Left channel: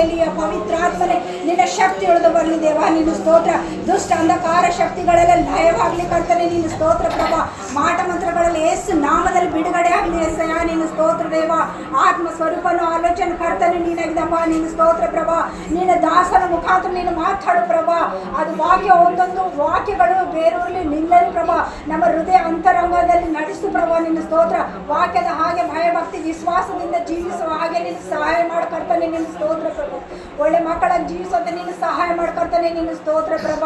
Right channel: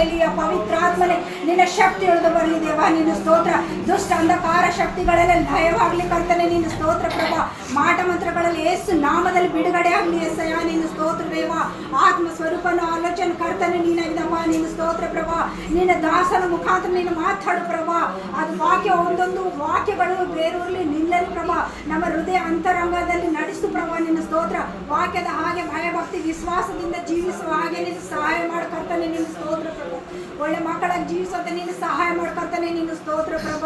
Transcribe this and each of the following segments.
Hallelujah. ಪವಿತ್ರಾತ್ಮನೆ ನಿನ್ನ ಶಕ್ತಿ ಇಳಿದು ಬರಲಿ ದೇವ, ನಿನ್ನ ಸ್ತೋತ್ರ. ದುಷ್ಟ ಅಂಧಕಾರ ಶಕ್ತಿಗಳೆಲ್ಲ ಲಯವಾಗ್ಲಿ ಕರ್ತನೆ, ನಿನ್ನ ಸ್ತೋತ್ರ ಪ್ರಭ. ಮಾಟ ಮಂತ್ರಗಳಲ್ಲಿ ಯೇಸು ನಾಮದಲ್ಲಿ ಬಿಡುಗಡೆ ಆಗಲಿ ಏಸಯ್ಯ, ನಿನ್ನ ಸ್ತೋತ್ರ ದೇವ. ಆತ್ಮ ಸ್ವರೂಪನ ಆಲೋಚನೆ ಕರ್ತನೆ ನೀನಾಗಿದಪ್ಪ, ನಿನ್ನ ಸ್ತೋತ್ರ ಪ್ರಭ. ನಿನ್ನ ದಾಸನ ಮುಖಾಂತರ ನೀನು ಮಾತಾಡು ಪ್ರಭ. ಅದು ವಾಕ್ಯ, ಒಂದೊಂದು ವಾಕ್ಯಗಳು ಬೇರೂರ್ಲಿ ನಿಲ್ಲಲು ಪ್ರಭ. ನಮ್ಮ ಹೃದಯ ಅಂತರಂಗದಲ್ಲಿ ನಡೆಸು ಪ್ರಭ, ನಿನ್ನ ಸ್ತೋತ್ರ. ವಾಕ್ಯದ ಹಾಗೆ ಭಯಭಕ್ತಿ ವಿಶ್ವಾಸದಿಂದ ಜೀವಿಸುವ ಹಾಗೆ ನೀನು ಸಹಾಯ ಮಾಡ್ಕರ್ತಾನೆ, ನಿನ್ನ ಸ್ತೋತ್ರ ಪ್ರಭ. ಒಳ್ಳೆ ಮಕ್ಕಳಾಗಿ ಜೀವಿಸೋದು ನೀನು ಸಹಾಯ ಮಾಡ್ಕರ್ತಾನೆ, ನಿನ್ನ ಸ್ತೋತ್ರ ಪ್ರಭ.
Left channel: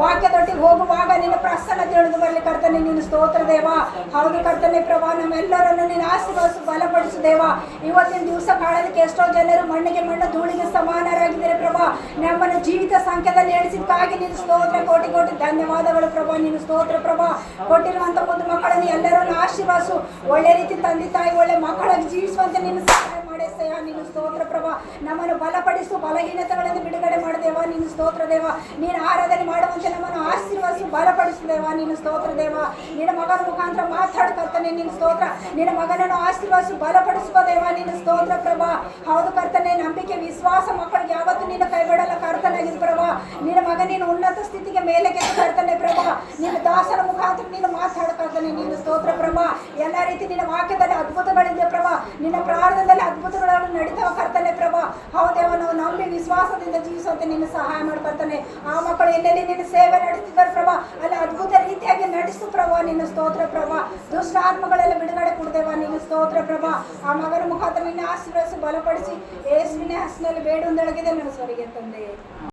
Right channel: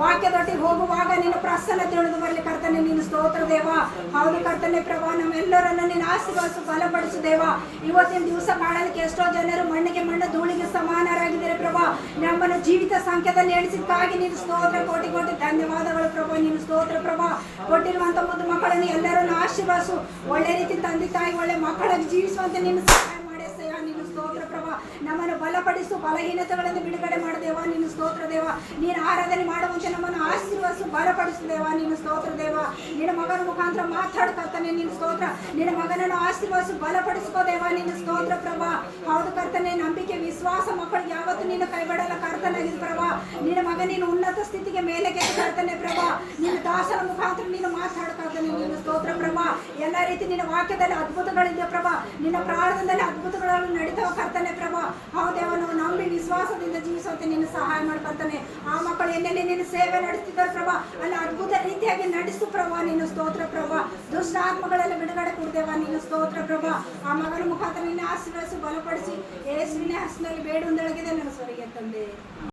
ವಾಕ್ಯದೊಟ್ಟಿಗೆ ಹೋಗುವಾಗ ನಿನ್ನ ಪ್ರಸನ್ನ ತಿಳಿದು ಬರಲಿ ಕರ್ತನೆ, ನಿನ್ನ ಸ್ತೋತ್ರ ದೇವ. ಹೌದು ಕರ್ತನೆ ಪ್ರಭ, ನಮ್ಮೆಲ್ಲರನ್ನು ನೀನು ಆಶೀರ್ವದಿಸು, ಬಲಪಡಿಸು ದೇವ. ಇವತ್ತಿನ ದಿವಸ ಮಾಡೋದಕ್ಕೆ ಎಷ್ಟೋ ಜನರು ಮಣ್ಣಿಗೆ ಮಣ್ಣು ಧೂಳಿಗೆ ಸಮಾನರಾಗಿದ್ದಾರೆ ಪ್ರಭ. ನಮ್ಮನ್ನು ಜೀವಿತ ಸಂಖ್ಯೆದಲ್ಲಿ ಎಣಿಸಿದ್ದಾಗಿ ನಿನ್ನ ಸ್ತೋತ್ರ. ಕೋಟಿ ಕೋಟಿ ಧನ್ಯವಾದಗಳು ಪ್ರಭ, ನಿನ್ನ ಸ್ತೋತ್ರ ಪ್ರಭ. ಕೊಟ್ಟಿರುವಂಥ ಮುದ್ದು ಮಕ್ಕಳನ್ನು ಎಲ್ಲರನ್ನು ಆಶೀರ್ವಾಸು. ಒಳ್ಳೆ ರೀತಿ ತಂದೆ ತಾಯಿ ಒಳ್ಳೆ ಮಕ್ಕಳಾಗಿ ಜೀವಿಸುವಂತೆ ನಿನ್ನ ಸಹಾಯ ಮಾಡೆಸಯ್ಯ, ನಿನ್ನ ಸ್ತೋತ್ರ ಪ್ರಭ. ನಮ್ಮನ್ನು ಬಲಪಡಿಸು, ಬಲಹೀನತೆಗಳನ್ನು ಬಿಡುಗಡೆ ಮಾಡದೇವ, ನಿನ್ನ ಸ್ತೋತ್ರ ದೇವ. ನೀನು ಆರಾಧನೆ ಮಾಡುವಂತೆ ನಮ್ಮನ್ನು ಆಶೀರ್ವದಿಸು, ಬಲಪಡಿಸು ದೇವ, ನಿನ್ನ ಸ್ತೋತ್ರ ದೇವ. ನಿನ್ನ ಮಗನ ಮುಖಾಂತರ ಮಾತಾಡ್ಕರ್ತಾನೆ, ನಿನ್ನ ಸ್ತೋತ್ರ. ನಿನ್ನ ಮಗನನ್ನು ಆಶೀರ್ವದಿಸು, ಬಲಪಡಿಸುವ ದೇವ, ನಿನ್ನ ಸ್ತೋತ್ರ ಪ್ರಭ. ಹೌದು ಕರ್ತನೆ, ನಂಬಿಕೆ ವಿಶ್ವಾಸ ಮಕ್ಕಳಿಗೆ ಯಾವತ್ತು ನೀನು ಕೈಬಿಡಲ್ಲ ಕರ್ತನಾಗಿರು ಪ್ರಭ. ನಿನ್ನ ಮಗ ನೀನು ಉನ್ನತ ಸ್ಥಿತಿಗೆ ಮೇಲೆ ಕರ್ತನೆ ಪ್ರಭ. ನಿನ್ನ ದಾಸನ ಮುಖಾಂತರ ನೀನು ಮಾತಾಡ್ಕರ್ತಾನೆ, ನಿನ್ನ ಸ್ತೋತ್ರ ಪ್ರಭ. ಎಲ್ಲ ರೀತಿ ನಿನ್ನ ವಾಕ್ಯದಲ್ಲಿ ಅದ್ಭುತಗಳಿದೆ ಪ್ರಭ. ನಿನ್ನ ಪ್ರಾರ್ಥನೆಯಲ್ಲಿ ಅದ್ಭುತಗಳನ್ನು ನಡೀತಾವ ಕರ್ತನೆ ಪ್ರಭ. ಹೌದೇವ, ನಾವು ನಂಬಿ ವಿಶ್ವಾಸದಿಂದ ಜೀವಿಸುವಂತೆ ನಿನ್ನ ಸಹಾಯ ಮಾಡ್ಕೊಳ್ತಾನೆ. ಆ ಮಕ್ಕಳು ಎಲ್ಲೆಲ್ಲಿ ನಿನ್ನ ಸೇವೆ ನಡೆಸ್ತಿದ್ದಾರೆ ಪ್ರಭ, ಅಲ್ಲಿ ಅದ್ಭುತ ರೀತಿಯಾಗಿ ನಡೆಸು ಪ್ರಭ, ನಿನ್ನ ಸ್ತೋತ್ರ ಪ್ರಭ. ದುಷ್ಟ ಆತ್ಮಗಳೆಲ್ಲ ಬಿಡುಗಡೆ ಕೊಡ್ತೇವ, ನಿನ್ನ ಸ್ತೋತ್ರ ಪ್ರಭ. ಆ ಮಗನ ಮುಖಾಂತರ ನಿನ್ನ ಆಶೀರ್ವದಿಸಿ, ಬಲಪಡಿಸಿ ಯೇಸುವಿನ ಹೆಸರಿನಲ್ಲಿ ಬೇಡುವಂದೊಳಗಿದೆ ನನ್ನ ಸ್ವರಿಗೆ ತಂದೆ.